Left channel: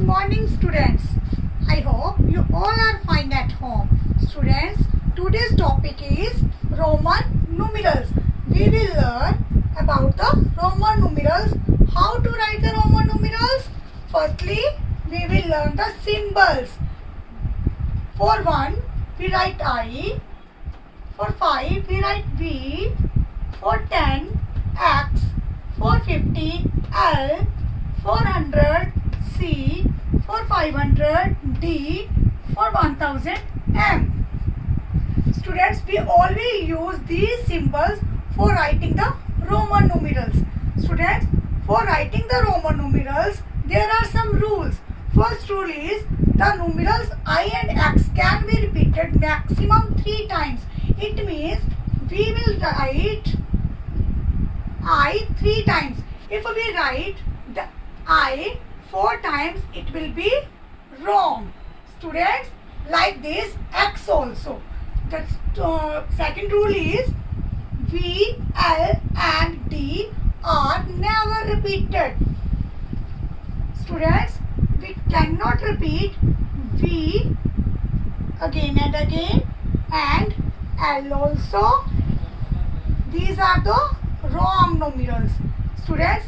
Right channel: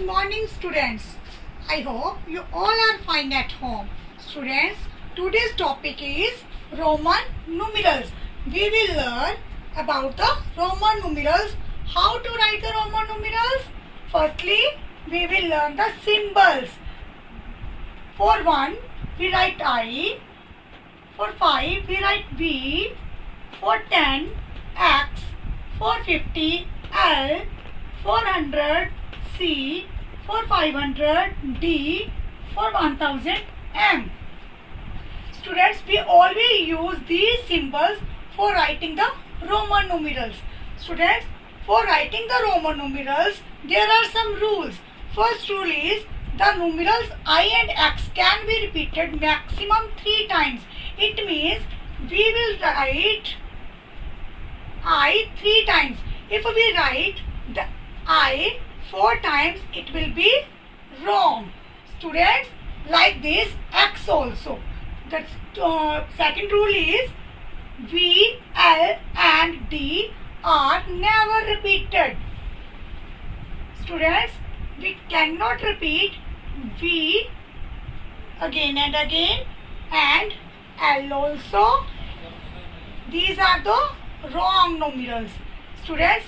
Good morning, students. I hope you all are fine at home. Students, today's topic is Roman numerals. We will learn about the Roman numerals, how to write the Roman numerals. Firstly, we will learn the symbols. For 1, we write I. For 5, we write V. For 10, X. For 50, L. For 100, C. For 500, D. For 1000, M. Students, we always use these symbols for writing the Roman numerals. Students, for writing the Roman numerals, there are some rules. First rule is the numerals I and X can be repeated maximum 3 times. It means we will write I 3 times. If we write the I 4 times, it will be wrong. Students, like this X also. The second rule is V, L and D are never repeated. Students, we cannot repeat V again and again and L also. These are the wrong numerals. Students,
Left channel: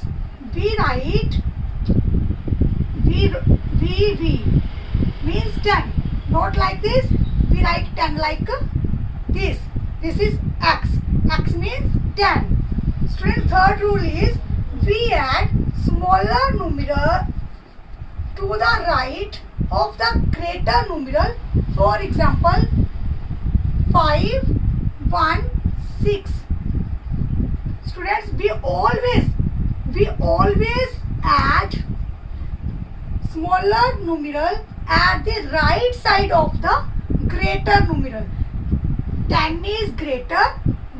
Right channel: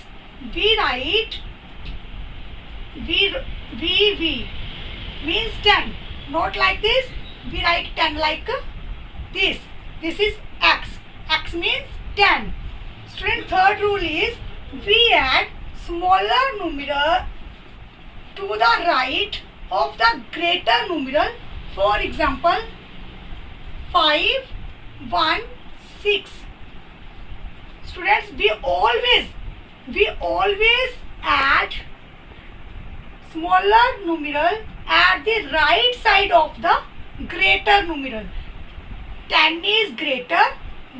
we write V means 10. Not like this. We write 10 like this. This is X. X means 10. Student, third rule is we add smaller numeral to the right of the greater numeral. For example, 5, 1, 6. Students, we always add smaller numeral at the right side of the greater numeral. 10 is greater,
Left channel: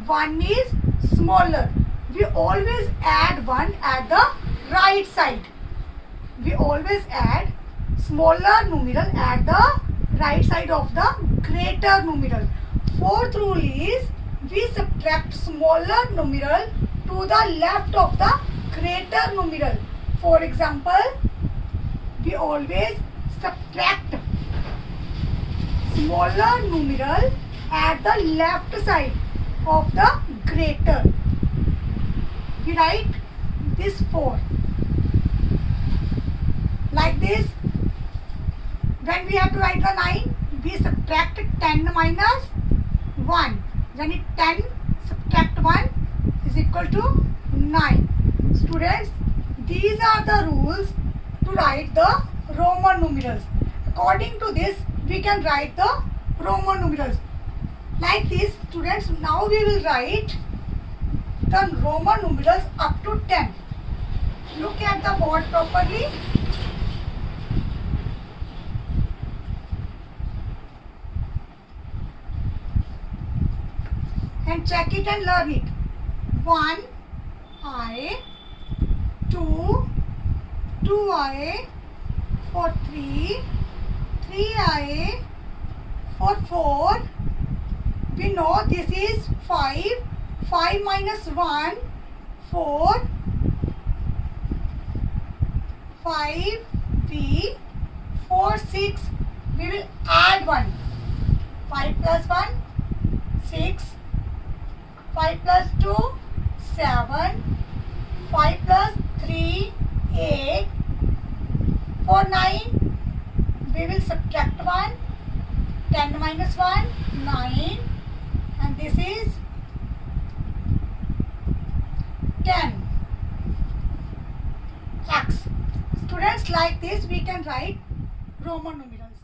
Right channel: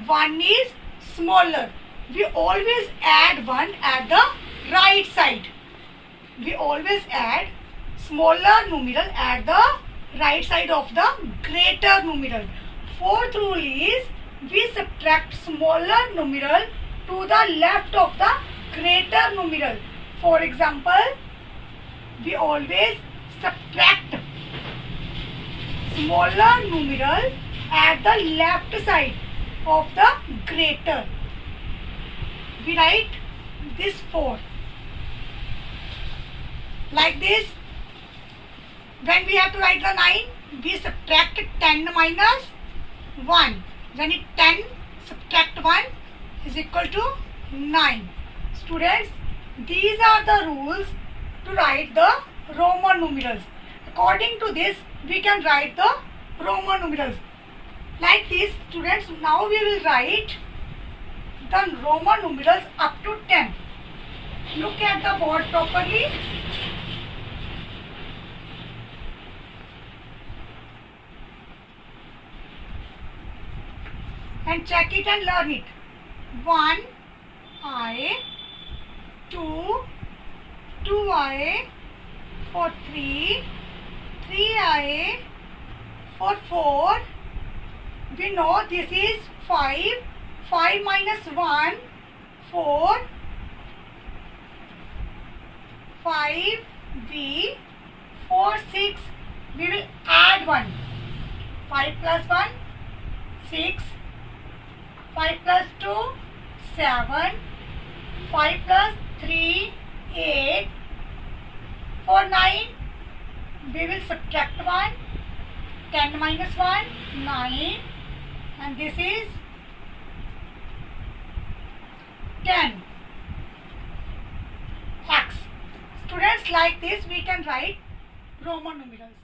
1 is smaller. We always add 1 at the right side. We always add smaller numeral at the right side of the greater numeral. Fourth rule is we subtract smaller numeral to the left of the greater numeral. For example, we always subtract smaller numeral at the left side of the greater. We write this 4. Like this. When we have to write the 9, we subtract 10 minus 1. When it 10 subtract 1 is equal to 9. Students, these are the rules to write the Roman numerals. According to this, we can write the Roman numerals. Like this, students, now we will write the Roman numerals up to 10. Look at the board properly. And check it and learn it. 1 I, 2 I, for 3 I, for 4. We know this is 5. 5 minus 1, 4. 5 V, 4, 6. We will add 1. 5 plus 1, 6. 5 plus 2, 7. 5 plus 3, 8. For 9, we will subtract 1. 10 minus 1, 9. And this is 10. X. Students, like this we can write Roman numerals.